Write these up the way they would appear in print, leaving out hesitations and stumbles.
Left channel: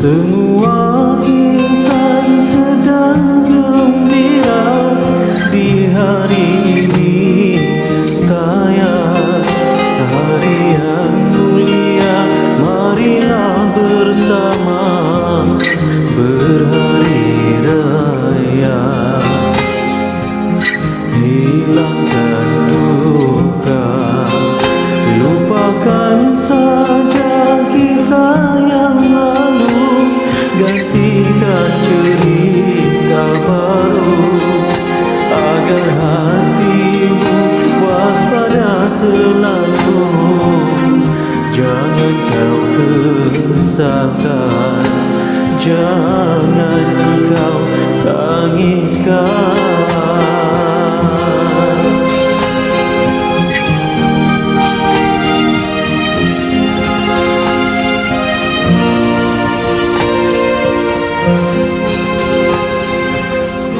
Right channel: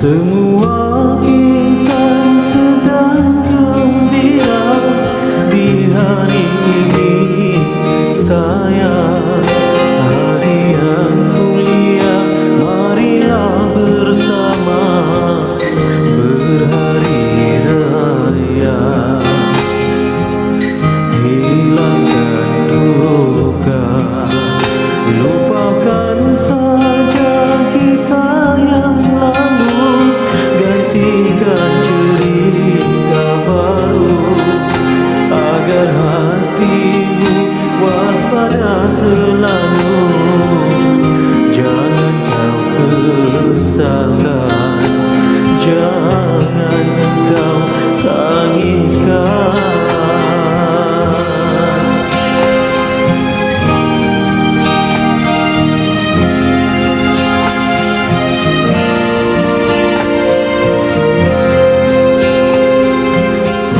Semua insan sedang gembira di hari ini, sayang. Hari yang mulia, marilah bersama berhari raya. Hilangkan duka, lupakan saja kisah yang lalu, gantikan cerita baru, agar hatimu waspada selalu. Jangan kau kesalkan, jangan kau tangiskan.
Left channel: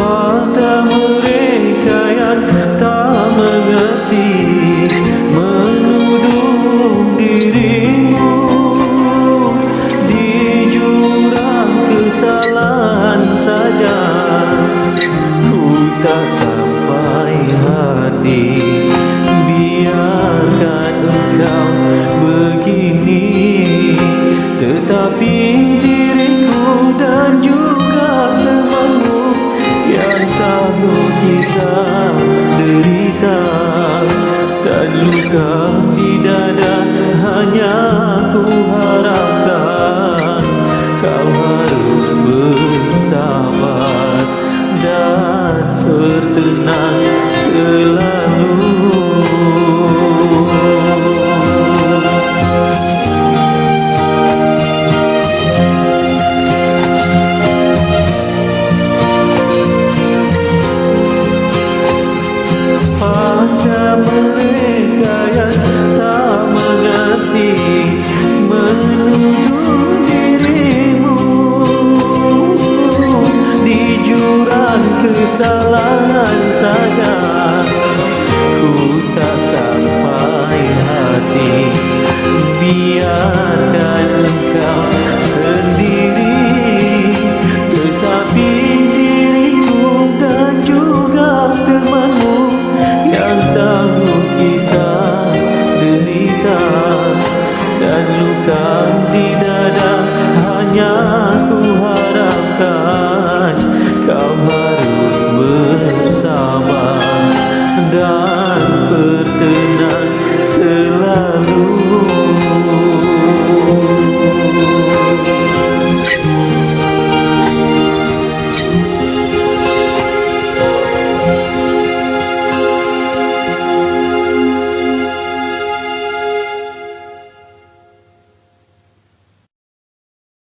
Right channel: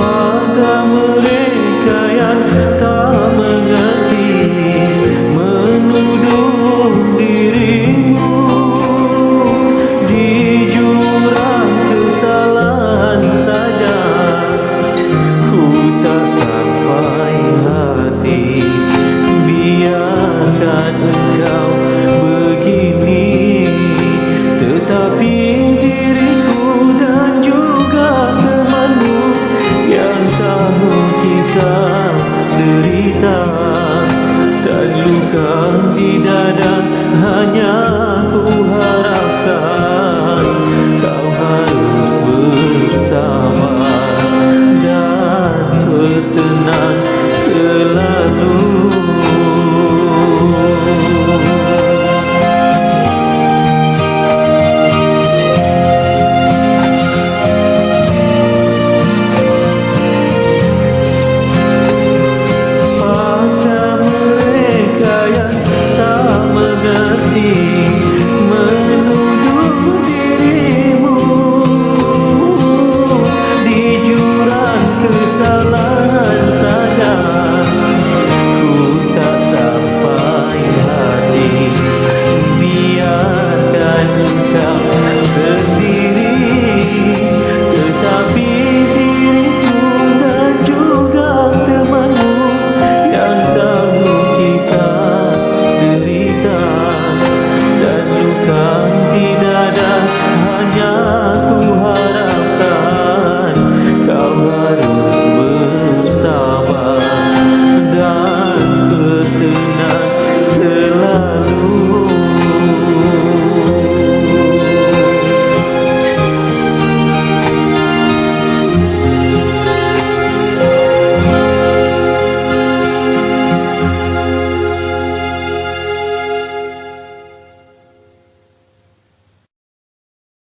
Pada mereka yang tak mengerti, menuduh dirimu di jurang kesalahan saja, ku tak sampai hati. Biarkan engkau begini, tetapi diriku dan juga temanmu yang tahu kisah derita dan luka di dada, hanya ku harapkan kau harus bersabar dan bertenang selalu. Pada mereka yang tak mengerti, menuduh dirimu di jurang kesalahan saja, ku tak sampai hati. Biarkan engkau sendiri, tetapi diriku dan juga temanmu yang tahu kisah derita dan luka di dada, hanya ku harapkan